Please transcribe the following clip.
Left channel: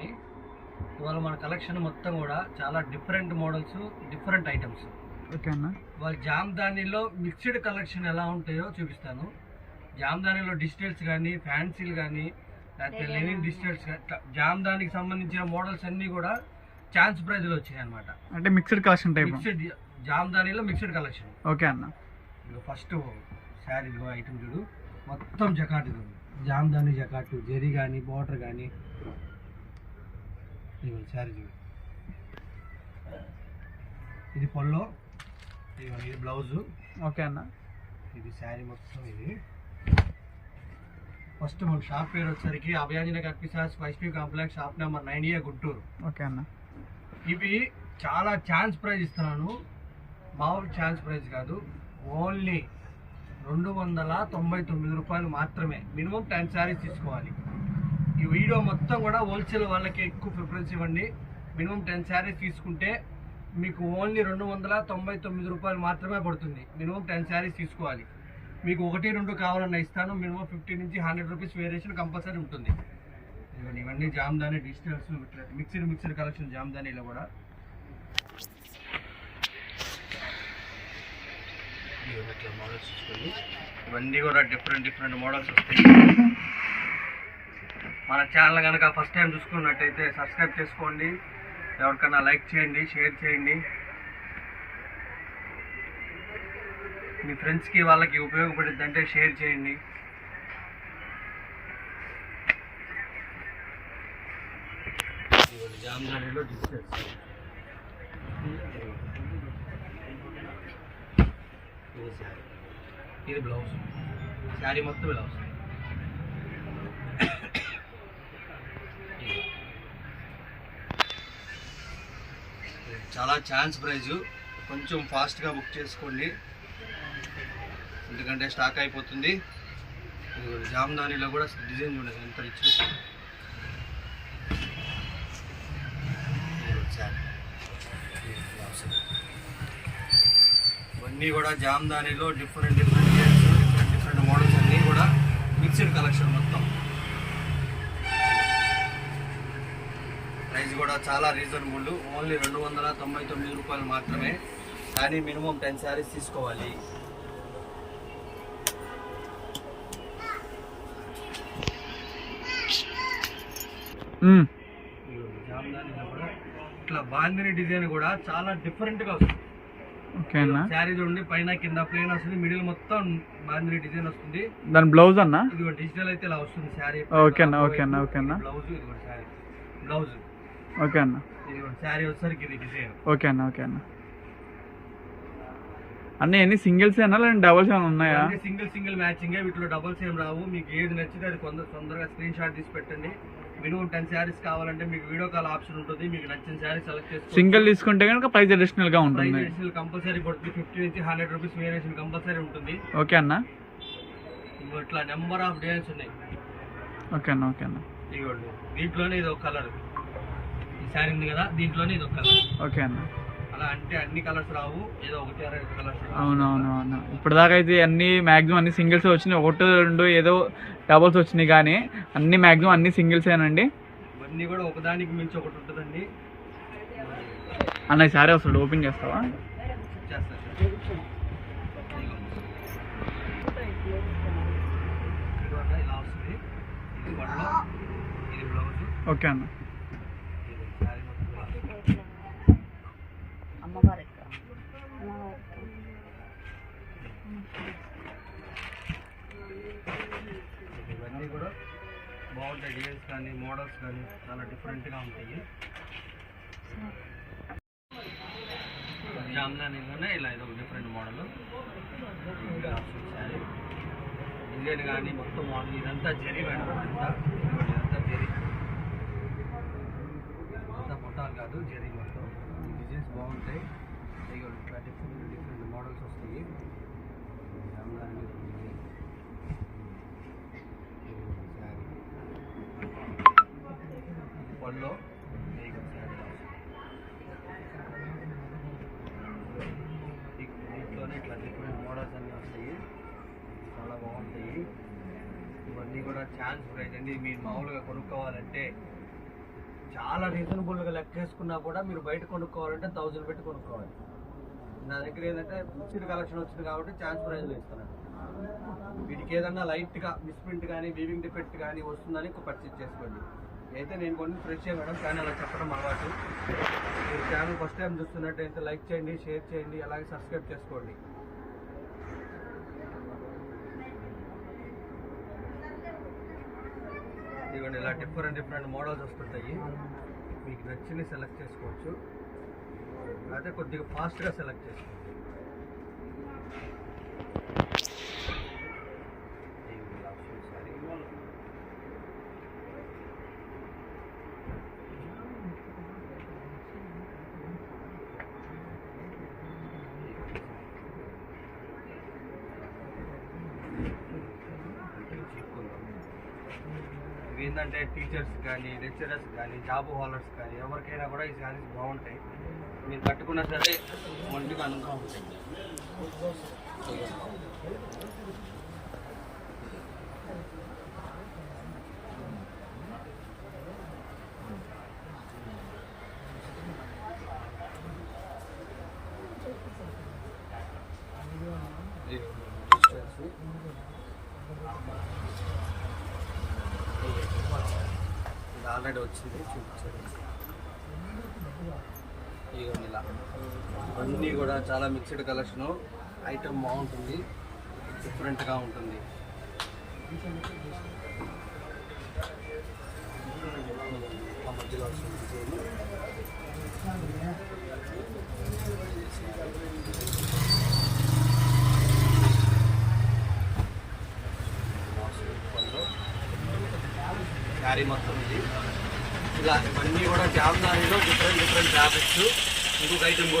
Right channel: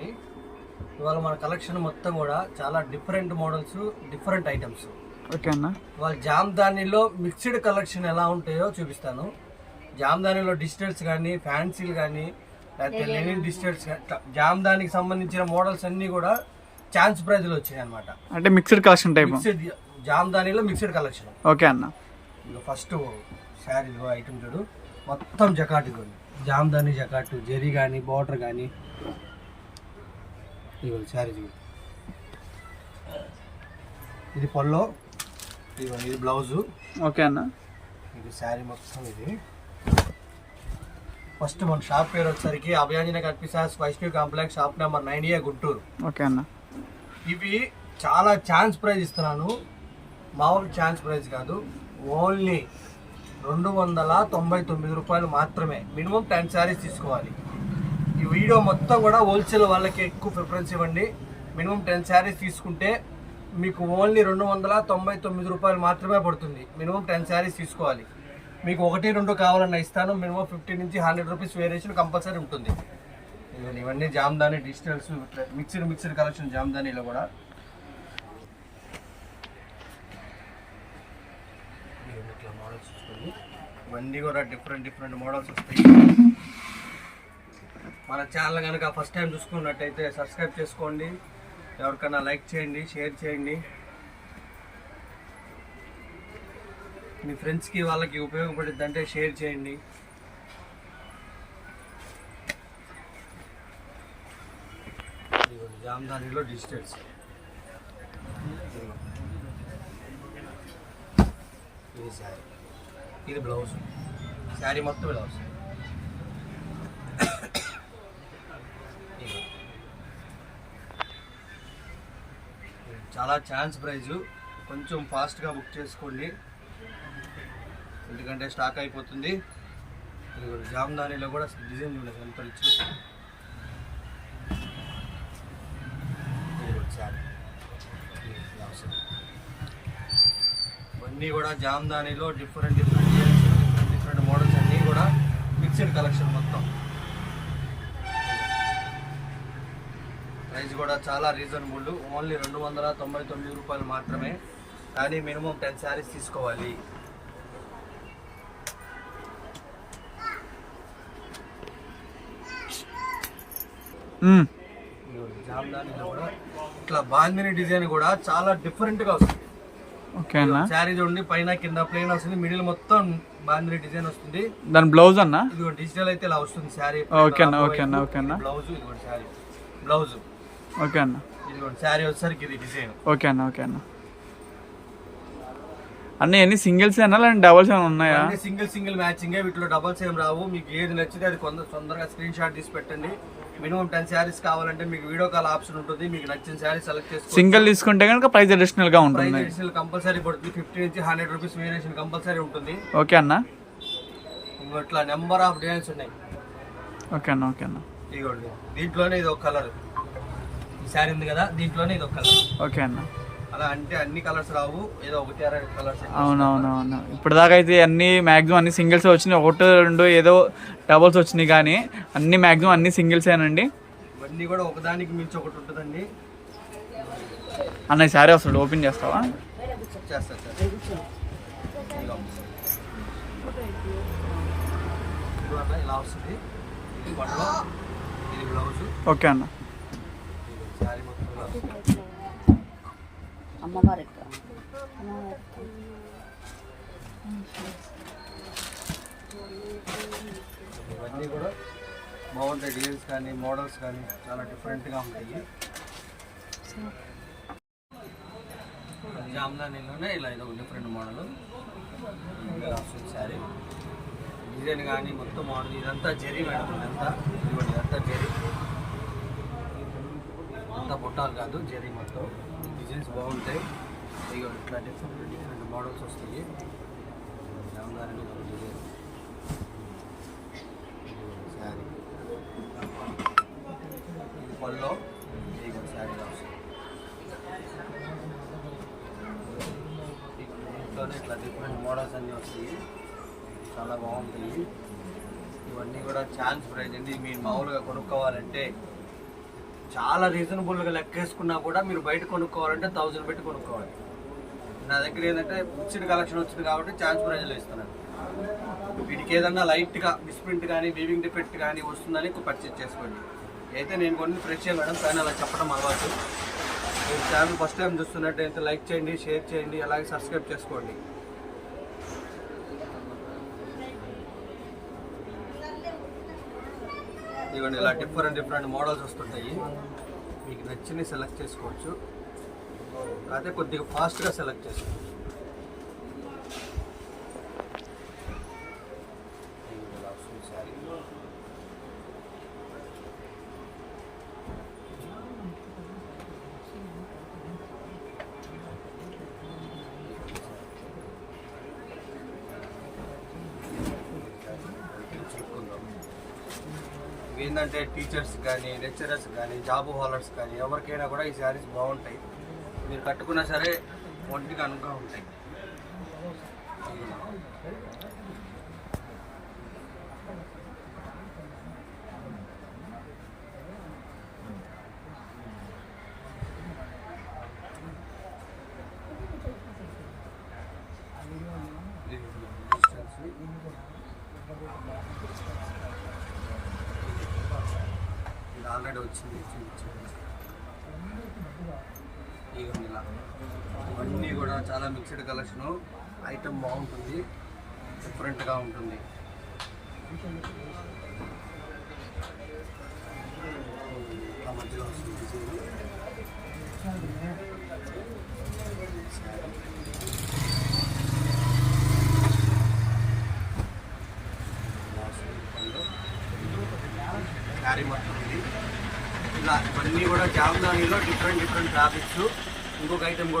ఉన్నాయి. ఇవాళ మన కలెక్షన్ మొత్తం కూడా చాలా different models, different items. Okay అన్న. ఇవాళ జామ్దానీలో మిక్స్డ్ కలెక్షన్ ఎలా ఉంటాయో చూపిస్తాను. జామ్దానీలో డిజిటల్స్ కానీ, ఫ్యాన్సీలు కానీ, లేకపోతే లెనిన్ డిజిటల్స్, జామ్దానికి సంబంధించిన మోడల్స్ అన్నీ కూడా ఛాన్స్ ప్రైజ్లో వచ్చాయి అనమాట. అంటే మిక్స్డ్ కలెక్షన్ టైప్. మిక్స్డ్ జామ్దానీలో మిక్స్డ్ కలెక్షన్. ఓకే అన్న. ఇదిగో ఫస్ట్ శారీ ఐటమ్ చూడు, మొత్తం జకాటు చూడు. జామ్దాని జకాటు, జెరీ కానీ, బార్డర్ కానీ. ఇదిగో శారీ చూడు, ఇది పల్లో, ఇది బ్లౌజు. ఓకే అన్న. ఇది శారీ మొత్తం. ఇది ఫస్ట్ మన షాప్ పేరు వచ్చేసరికి అభయాంజనేయ కనిపిస్తాస్ Vaishnavi complex, shop number 9A, Guntur. Okay అన్న. ఇవి చాలా ఛాన్స్ ప్రైజ్ ఇస్తున్నాను, మామూలు ఛాన్స్ ప్రైజ్ కాదు. ఓన్లీ 299 రూపాయలు మాత్రమే. మినిమం 10 శారీస్ తీసుకోవాలి. ఈ వీడియో మొత్తం కూడా హోల్సేల్ వాళ్ళకి ఎక్కువ ప్రిఫరెన్స్ ఇవ్వండి. మినిమం 10 శారీస్ తీసుకుంటే మీకు ఓన్లీ 299 రూపాయలు మాత్రమే పడుతుంది. మినిమం 10 శారీస్ తీసుకోవాలి. మీకు 1-2 కావాలన్నా ఇస్తాను. మినిమం 50 నుంచి 100 రూపీస్ వేరియేషన్ కంపల్సరీ ఉంటుంది. ఇవన్నీ జామ్దాని డిజిటల్స్, మిక్స్డ్ కలెక్షన్ జామ్దానీలో కూడా. ఇట్లా మోడల్స్ చూసుకొని ఇవన్నీ కూడా డిఫరెంట్ మోడల్స్ వస్తాయి. మన ఛానల్ కనుక ఫస్ట్ టైం చూసుకున్నట్టయితే సబ్స్క్రైబ్ చేసుకోండి. ఎవరికైనా లైక్ చేయండి, షేర్ చేయండి. మీ ఫ్రెండ్స్కి వాళ్ళకి ఉపయోగపడుద్ది అంటే షేర్ చేయండి. జామ్దానీలో డిజిటల్స్. ఇది శారీ, ఇది బ్లౌజ్. శారీ మొత్తం బ్లౌజ్. చాలా ఛాన్స్ ప్రైజు. కొంచెం ఫాస్ట్గా బుక్ చేసుకోండి, ఎందుకంటే స్టాక్ అయిపోతుంది. ఇది జామ్దానీలో కూడా డిజైన్ చూడండి ఎంత రిచ్. ఇవన్నీ కూడా జామ్దానీలో డిఫరెంట్ డిజైన్స్, డిఫరెంట్ మోడల్స్ అన్నీ కూడా మిక్స్డ్ కలెక్షన్ మొత్తం. ప్రైస్ కూడా చాలా రీజనబుల్. ఓన్లీ 299 రూపాయలు మాత్రమే. కానీ మినిమం 10 శారీస్ తీసుకోవాలి. జామ్దానీలో కూడా ఇట్లా బాందిని డిజైన్ కూడా చాలా డిఫరెంట్గా వస్తుంది. ఓకే అన్న. శారీ చూడండి, పైన కింద ప్లెయిన్ వస్తుంది, మిడిల్ మొత్తం బాందిని డిజైన్ వస్తుంది. దాని బ్లౌజ్ అన్న ఇది డిజిటల్ అయితే ఇలా వస్తుంది శారీ. ఓకే అన్న. ఓకే అన్న. ఓకే అన్న. బ్లౌజ్, ఇది శారీ బ్లౌజ్. ఓకే అన్న. ఇది శారీ వచ్చేసరికి ఇది డిజైన్. ఓకే అన్న. ఓకే అన్న. అన్నీ సింగిల్స్ ఏనా లేదంటే డబల్స్ ఏమైనా ఉన్నాయా? Single matching. వీటిలో డబల్స్ ఏం రావు. మీకు ఏది నచ్చితే అది తొందరగా స్క్రీన్ షాట్ తీసి పెట్టండి. మినిమం 10 శారీస్ కావాలంటే మీకు వీడియో కాల్ ఆప్షన్ ఉంటుంది. మీకు నచ్చిన శారీ సెలెక్ట్ చేసుకోండి. సింగిల్ తీసుకుంటే కనుక ప్రైస్ అడిషనల్ గా ఉంటుంది. ప్రైస్ అడిషనల్ కంపల్సరీ పడుతుంది. 50 నుంచి 100 రూపీస్ వేరియేషన్ కంపల్సరీ ఉంటుంది. ఓకే అన్న. ఇట్లా నెంబర్ ఆఫ్ డిజైన్స్ ఉన్నాయి. ఓకే అన్న. ఓకే అన్న. ఇదిగోండి, దీంట్లోనే ఇది ఒక కలర్. ఈ శారీ ఉంది కదా, దీంట్లోనే ఇది ఒక కలర్. ఓకే అన్న. అలా అంటే అన్ని కలర్స్ రావు, ఏదో 1-2 కలర్స్. అవునవునవును. ఇప్పుడు దాకా అయితే మ్యాక్సిమం అన్ని సింగిల్స్ వచ్చినాయి. 1-2 ఏదో డబల్స్ వచ్చినాయి, కానీ అన్ని మ్యాక్సిమం అన్ని సింగిల్స్ ఏనండి. ఇవన్నీ కూడా ఒకదానికి మించి ఒకటి ఉంటుందండి. అన్న ఈ సారీ అసలు ఓపెన్ చేస్తావా? చేస్తా. ఇలా వస్తుంది. ఇది పళ్ళు, ఇది బ్లౌజ్. ఓకే అన్న. శారీ మొత్తం ఇలా వస్తుంది. ఇవన్నీ కూడా బాగుంటాయి. డిజైన్స్ కానీ, మోడల్స్ కానీ చాలా డిఫరెంట్గా ఉంటాయి. జామ్దానీలోనే ఇలా ఇది ఒక డిఫరెంట్ మోడల్. శారీ డిజైన్ కానీ మొత్తం మోడల్. ఇదంతా జెరీ మేడం, ఇదంతా జెరీ. అంతా బుట్టాలు కాదు, జెరీ మొత్తం. డిజైన్స్ బాగుంటాయి. ఇక ఇట్లా డిఫరెంట్ మోడల్స్ వస్తాయి. జామ్దానీ డిజైన్ శారీ పళ్ళు, శారీ దీంట్లోనే ఇట్లా డిఫరెంట్ మోడల్స్ అన్నీ వస్తాయి. చాలా బాగుంటాయి. ఇవన్నీ కూడా ఛాన్స్ ప్రైజ్ అండి. మీరు మామూలుగా కొనుక్కోవాలంటే చాలా రీజనబుల్గా లెక్కేసుకున్నా కూడా మీరు బయట కొనుక్కోవాలంటే 1000 పెట్టి కొనుక్కోవాలి. నా దగ్గర ఏంటంటే మిక్స్డ్ కలెక్షన్ వచ్చింది కాబట్టి ఛాన్స్ ప్రైజ్లో ఇస్తున్నాను. వీటికి ఏదన్నా లైట్గా మిస్ప్రింట్ కానీ వీవింగ్ డిఫెక్ట్ కానీ వస్తుందని పర్చేజ్ చేసుకోండి. అయితే నేను కొన్ని ఫ్రెష్ మేడం కానీ అలా చెప్పడం అలవాటు. మీరు ఛానల్ ఫస్ట్ టైం చూస్తున్నట్టయితే లైక్ చేయండి, షేర్ చేయండి, అలాగే సబ్స్క్రైబ్ చేసుకోండి. ఇవన్నీ ఇలా డిఫరెంట్ మోడల్స్ వస్తుంటాయి. మీకు నచ్చినవి సెలెక్ట్ చేసుకోవచ్చు, కాకపోతే కొద్దిగా ఫాస్ట్గా సెలెక్ట్ చేసుకోవచ్చు. ఏంటంటే టీచర్స్ కానీ లెక్చరర్స్ కానీ జాబ్ హోల్డర్స్ కానీ ఎవరికైనా కూడా ఈ శారీస్ బాగుంటాయి. మీరు కట్టుకున్నా సరే ఒంటికి అనువుగా ఉంటాయి. ఇది ఆల్రెడీ వచ్చింది, చూపించారు. ఇలా ఇవన్నీ కూడా చాలా మిక్స్డ్ కలెక్షను. ఐటమ్ బాగుంటుంది, డిఫరెంట్గా ఉంటుంది. ఆ మధ్యలో వస్తుంది డిజైన్. శారీ మొత్తం ఉంది. ఇలా ఇవన్నీ కూడా జామ్దానీలో డిఫరెంట్ ఫ్యాబ్రిక్స్. ఇంకొక ఐటమ్ కూడా